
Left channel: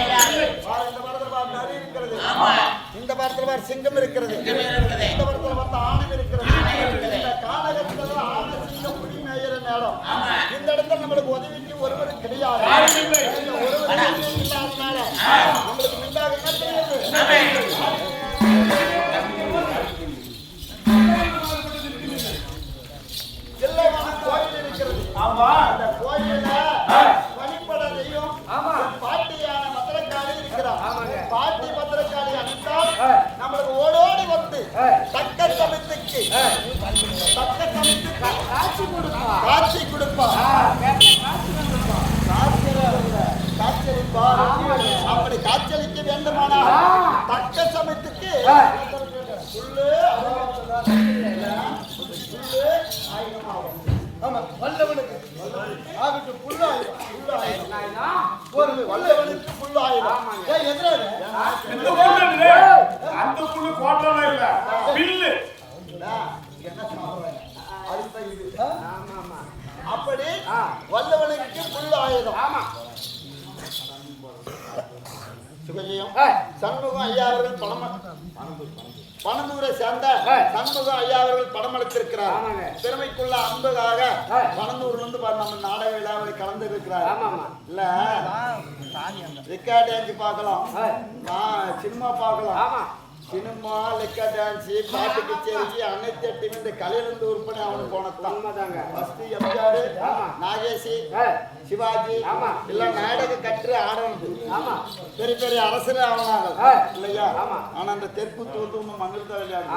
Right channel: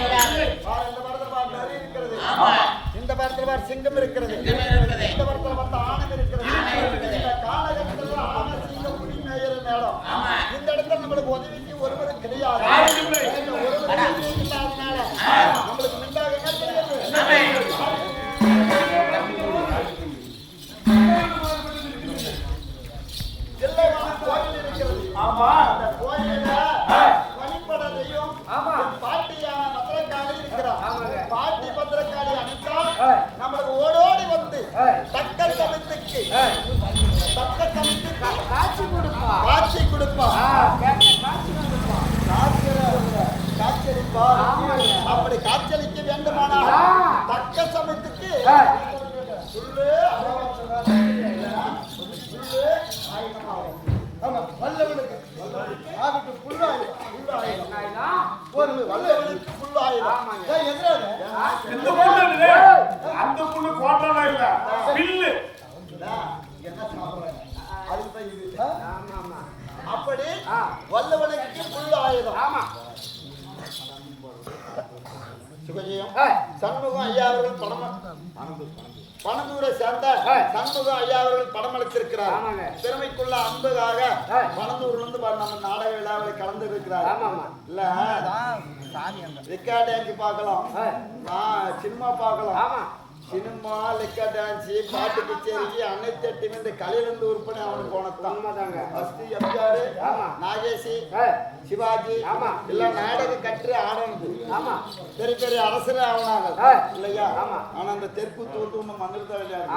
இந்த படத்துல பார் நரி இருக்கிறது, இந்த படத்துல பார் சிங்கம் இருக்கிறது, இந்த படத்துல பார்த்த ஆணம் இருக்கிறது. இந்த கானகத்தில் ஆன சிங்கம் புலி மேயிற நேரம் இந்த இடத்துல நம்மளுக்கு உதவிக்கு ஒருவரும் கிடையாது. ஒருவரும் இல்லாதனால நம்மளுக்கு மிண்டாக என்ன தெரியாது. கோயில் இருக்கிறது. அந்த கோயில வழிபட தெய்வம் பாட்டியான பத்திரக்காளி இருக்கிறார். பாட்டி பத்திரக்காளி அனுப்பிட்டால் நம்மளுக்கு ஓடோடி வந்து தக்க சமயத்துக்கு காட்சி கொடுப்பா. அப்படி காட்சியளிக்க வேண்டுமானால் தக்க சமயத்துக்கு சொல்லு வல்லவனுக்கு அப்படி வல்லவனுக்கு புல் ஆயுதம். ஆமா சுகஜயம் சண்முகம் ஐயா அவர்கள் பணந்தூரை சேர்ந்த சண்முகம் ஐயா அவர்கள் படம் அளித்திருக்கிறார். திறமைக்குள்ள அன்புக்காக பணந்தூர்ல இருந்து நம்ம நாடக விழாவில் கலந்து இருக்கிறார். இல்ல ரெக்கார்ட் டான்ஸ் பார்க்கலாம், நான் சினிமா பார்க்கலாம். சினிமா, லெக்கா டான்ஸ், பாட்டு கச்சேரிக்கு அனைத்து இந்த கலையிலிருந்து உறுப்பினர் அவனுக்கு போனதான். ஃபர்ஸ்ட் எம்ஜிஆர், நாகேஷ், சிவாஜி எல்லாம் நாடக கற்று ஆடனது. பெரிய பெரிய அரசரே ஆவனாங்க இல்லையா? ஆனா அந்த தெற்குத்து வந்து ஒண்ணு மண்ணில் தான் விளையாடு.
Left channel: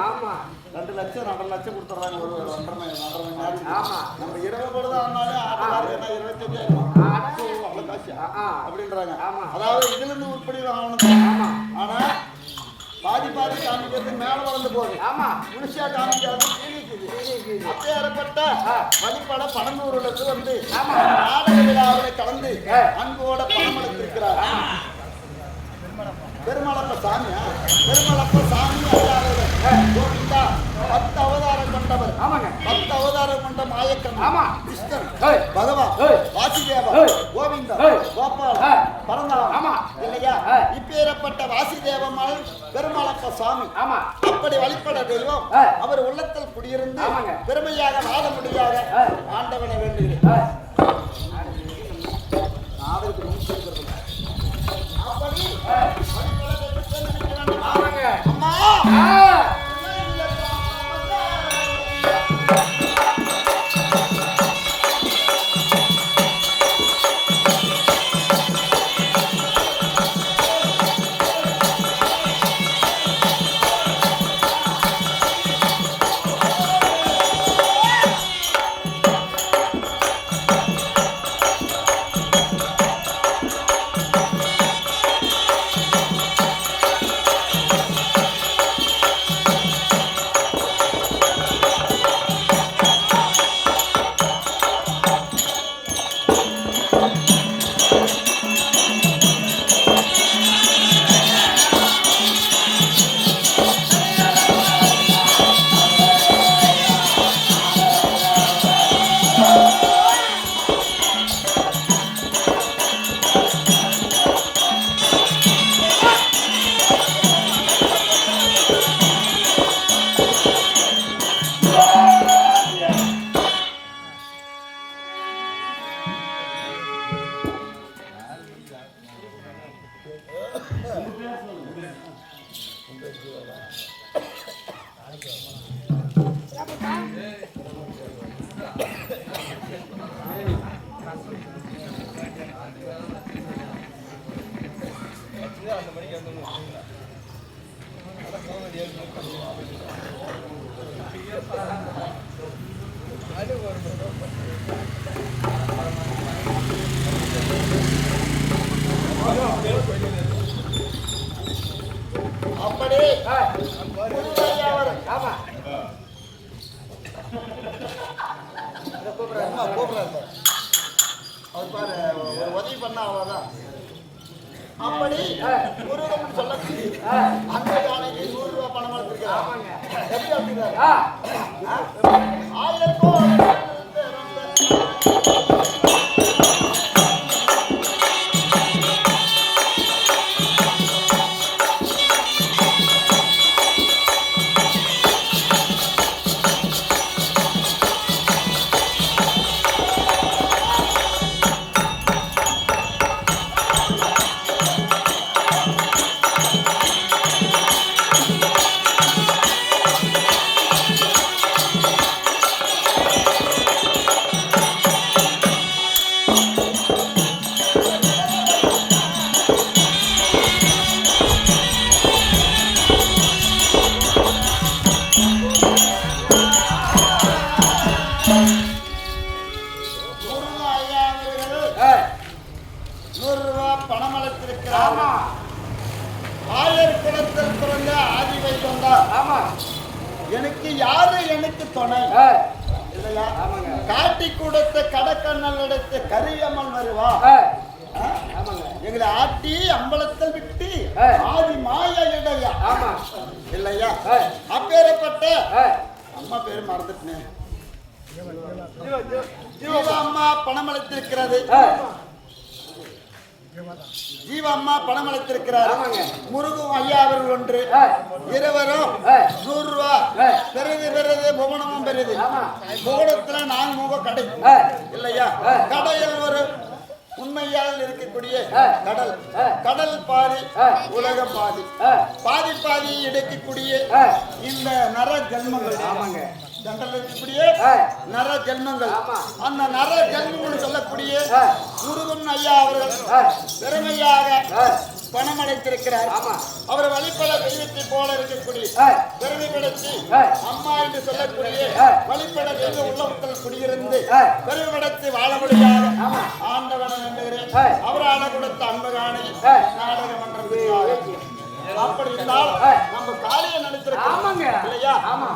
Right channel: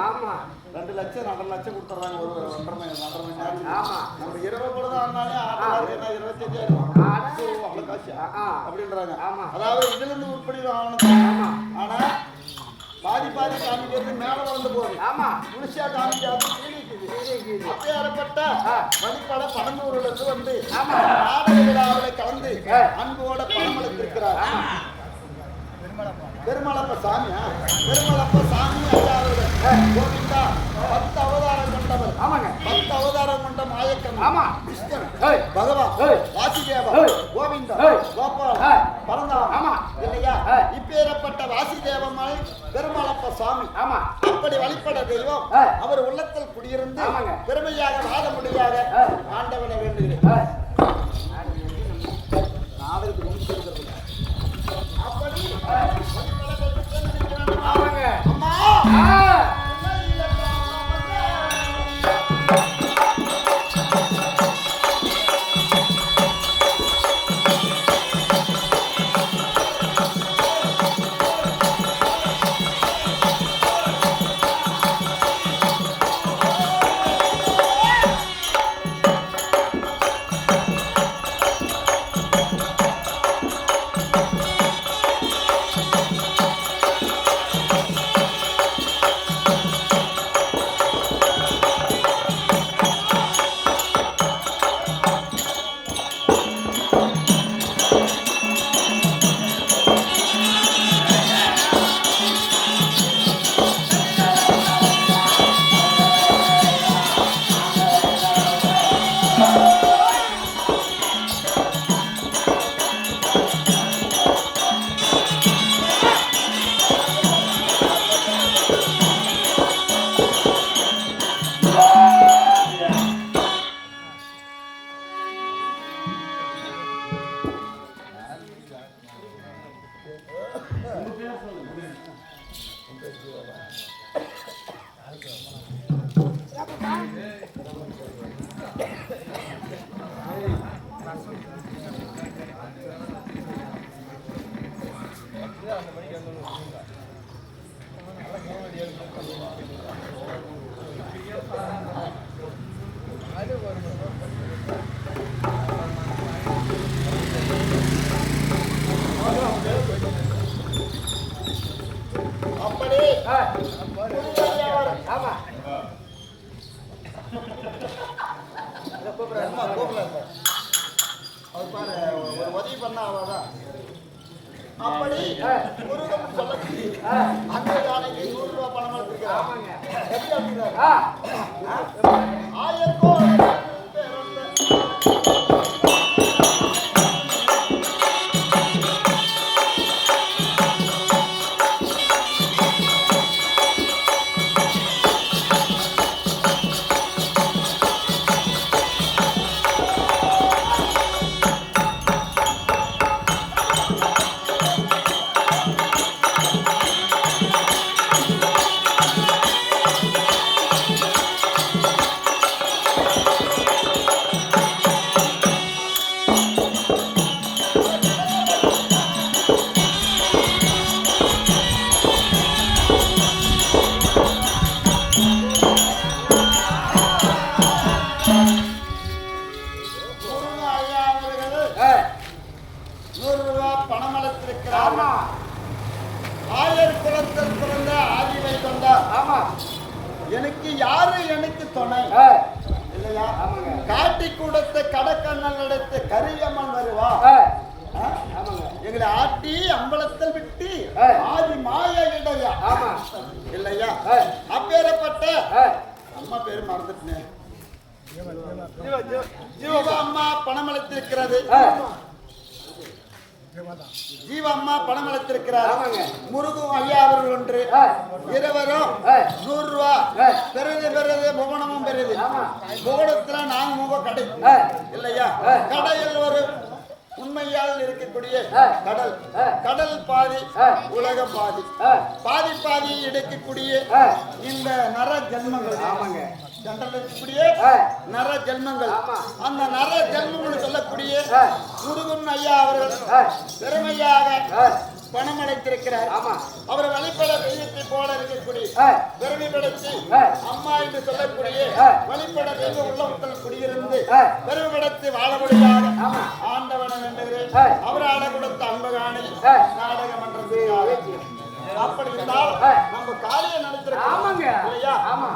2 லட்சம் 2.5 லட்சம் கொடுத்துறாங்க ஒரு 1.5 மணி நேரம். நம்ம 20 கூட ஆனாலே ஆட்டக்காரருக்கு 25,000 அவ்வளவு காசு அப்படின்றாங்க. அதாவது இதுல இருந்து உருப்படி ஆவணது. ஆனா பாதி காமிக்கிறது மேல வளர்ந்து போகுது. முழுசா காமிக்காது அப்பேற்பட்ட வழிபட பணந்தூர்ல இருந்து வந்து நாடக விழாவில் கலந்து அன்போட பணம் அளித்திருக்கிறார். பெருமளப்ப சாமியா பெருமளப்ப சாமி ஐயா அவர்கள் கோவிந்தா 10 அவதாரம் கொண்டவர். 10 அவதாரம் கொண்ட மாயக்கன் கிருஷ்ணன், பகவான், வாசுதேவ, கோவிந்தா, கோபால், பரந்தாம் இல்லையா? இப்பேற்பட்ட வாசுதேவம்மாள் பெருமளப்ப சாமி. அப்படி வழிபட தெய்வம் அவர் உள்ளத்தில் குடியிருந்து பெருமையாக வாழ முடியாத ஆண்டவனை வேண்டுகிறேன். அவருக்கு முன்னிருக்கிறது அப்படி அம்மா உதவி பண்ண அவ்வளவுதான். அப்படி முருகன் சொல்லக்கூடிய அந்த யானைக்கு 100 ரூபாய் பணம் எடுத்துருக்காங்க. எப்படி எடுத்துருக்காரு? 1000 100 ரூபாய் பணம் அளித்திருக்கிறார். ஆமா ஆயர் குலத்தில் பிறந்த ஆதி வைகுந்தார். ஆமா எனக்கு யாரு எனக்கு துணை இல்லையா? ஆமாங்க காட்டி கொடுத்த கடக்கண்ணல் எடுத்து கரியம்மன் வருவா. ஆமாங்க எங்களை ஆட்டி அம்பலத்தில் விட்டு ஆதி மாய இடையா. ஆமா இல்லையா? அப்பேறப்பட்ட அம்மா பேரு மறந்துட்டேன். ஜீவா அம்மா பணம் அளித்திருக்கிறது. ஜீவா அம்மா பணம் அளித்திருக்கிறார். முருகும் ஐயா அவர்கள் ஒன்று. இருவரும் 100 ரூபாய் பெருது புவனமும் பெருது. புவனத்துல நான் முக கடை இல்லையா? கடையில் ஒரு உண்மையால் இருக்கக்கூடிய கடல். கடல் பாதி உலகம் பாதி. பாதி எடுக்கக்கூடிய இந்த நர ஜென்மங்கள். ஆமாங்க ஜென்ரல் இருக்கக்கூடிய நர ஜென்மங்கள். அந்த நர ஜென்மங்கள் சொல்லக்கூடிய முருகன் ஐயா அவர்கள் பெருமையாக பணம் அளித்திருக்கிறார். அவர் வழிபட தெய்வத்தை போல இருக்கக்கூடிய பெருமைப்படுத்தி அம்மா என்று சொல்லக்கூடிய வழிபட தெய்வ உள்ளவர்கள் குடியிருந்து பெருமைப்படுத்தி வாழ முடியாது ஆண்டவனை வேண்டுகிறேன். அவர் ஆட கொடுத்த அன்பகாணி நாடக மன்றம். அப்படி இருந்தாலும் நம்ம காலையை நடத்துறோம். ஆமாங்க இல்லையா? ஆமா.